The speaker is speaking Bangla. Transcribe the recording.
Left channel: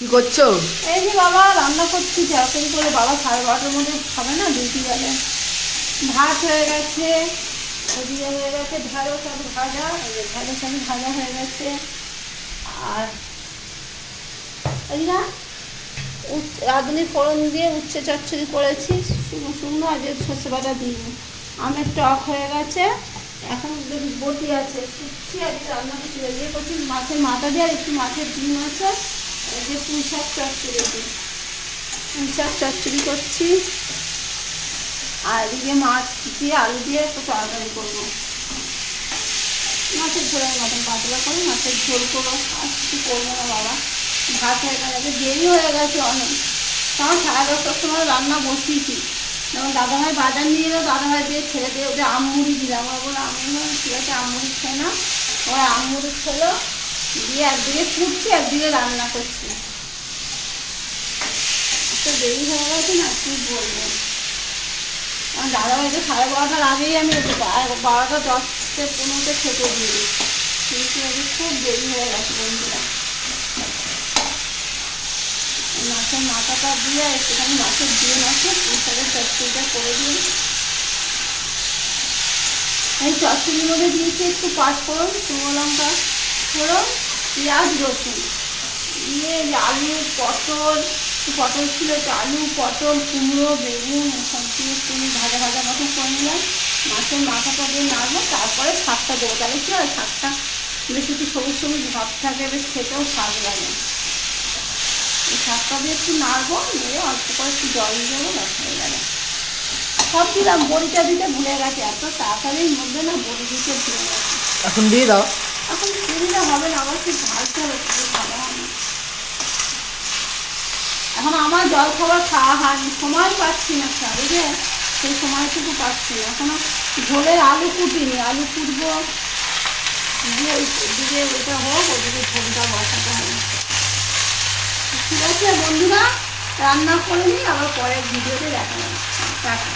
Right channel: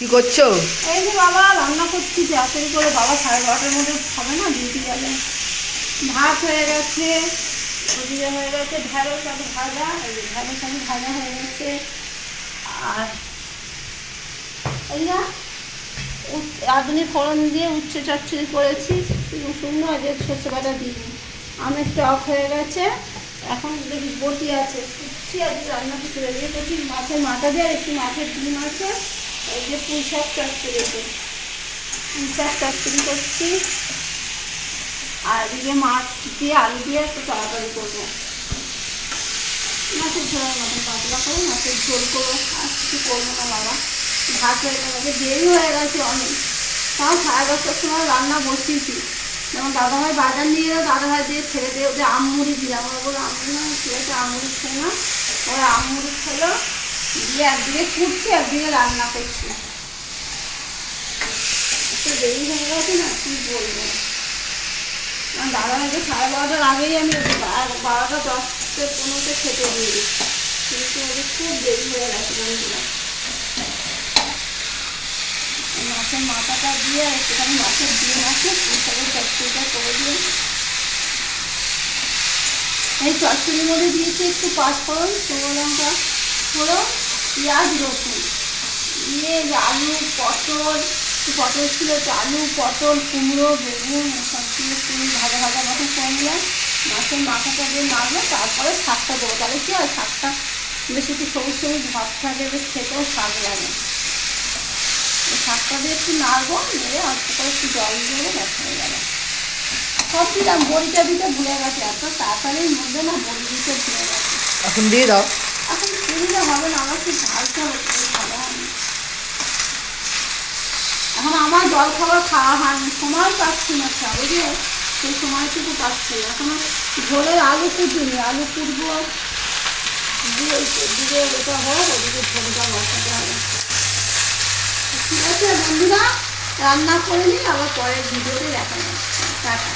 কি করছো? এই যে বাবা রান্না করছি তাড়াতাড়ি করে, বাবা 12:30টার মধ্যে খাবে না, ডিউটি গেলে। ভাত হয়ে গেছে, ওদিকে হয়ে গেছে ঢেঁড়স আলু ভাজা, এই যে ঢেঁড়স আলু ভাজা হয়ে গেছে। আর এই না রাঁধুনি ফোড়ন দিয়ে উচ্ছে চচ্চড়ি করেছি, শুকনো শুকনো, আর যে সর্ষে বাটা দিইনি। আমের টক হয়ে গেছে, এখন দেখি বটি আছে কুচ্ছি, আর রান্না কিছু রেডি করছি। মাছের মাথা দিয়ে আর একটু মাছের ডিম আছে, এই যে পুঁই শাক চচ্চড়ি, পুঁই শাক চচ্চড়ি করছি। আর এদিকে মাছ দিয়ে আলু দিয়ে একটু তাড়াতাড়ি করবো, মাছের ঝোলের মতন পাতলা করে মাছের ঝোল করবো, আর কিছু করবো না বাবা। ভাত হয়ে গেছে, দেরি হয়ে গেছে অনেক, তাও 10:30টার সময় রান্না বসিয়েছি। যেমন দাদাভাই বাজার নিয়ে এলো, দাদাভাই দিয়ে ছেড়ে দিয়ে ওদের আমমুড়ি দিলাম, ওরা বলে আমুড়ি না, ঠিক আছে আমুড়ি খেয়ে না, ওরা আমমুড়ি খেলো। দিয়ে একদিকে কুটছি একদিকে রান্না করছি, একটু দেরি হয়ে গেছে না, কি বলবো। আমার দাদাভাইকে 12:30টার আগেই আমি 12:10-15 খেতে দিয়ে দিই, কিন্তু ওদের খুব দেরি হয়ে গেছে বন্ধুরা। মাছের মাথাটা দিয়ে একটুখানি মাছের ডিম আছে, পুঁইশাকের চচ্চড়িটা করে দিয়ে, এই চচ্চড়ির মধ্যে দিয়েছি একটু পাঁচফোড়ন, শুকনো লঙ্কা ফোড়ন, পেঁয়াজ রসুন দিয়ে আলু পটল, পটল ছিল একটু আলু পটল কুমড়ো বেগুন সব দিয়ে একটু ভাজা ভাজা মতো করে নিলাম। মাছের মাথাটা দিয়ে নাড়লে তারপরে শাকটা দেবো, তাহলে কি হয় শাকটা বেশ একটু সবুজ সবুজ ভাব থাকে, বেশ খেতেও স্বাদ লাগে। এই শাকটা দিয়ে একটু নাড়বো, নেড়ে অল্প করে একটু জল দিয়ে ব্যাস হয়ে যাবে। সব দিলাম, বড়িটা দিতে ভুলে গেছে, এত তাড়াতাড়ির মধ্যে না বড়ি দিতে ভুলে গেছে। এখন দিয়ে দাও। এখন দিলে হবে না, আমার খুব ঝালতে হবে, খুব ভালো হয় না। এখন আমার জল খাবার খাওয়া হয়নি, সময় পাচ্ছি না, ছাড়ে যে সেই সময়টুকু পাচ্ছি না। এখন ঝোলের আলু কুটিনি, আলু কুটবো দিয়ে ওদিকে ওটা হোক, ওদিকে ঝোলটা বসাতে হবে। ঠিক আছে বন্ধুরা, রান্না করে নিই, আবার পরের ভিডিওতে দেখা যাচ্ছে। টাটা।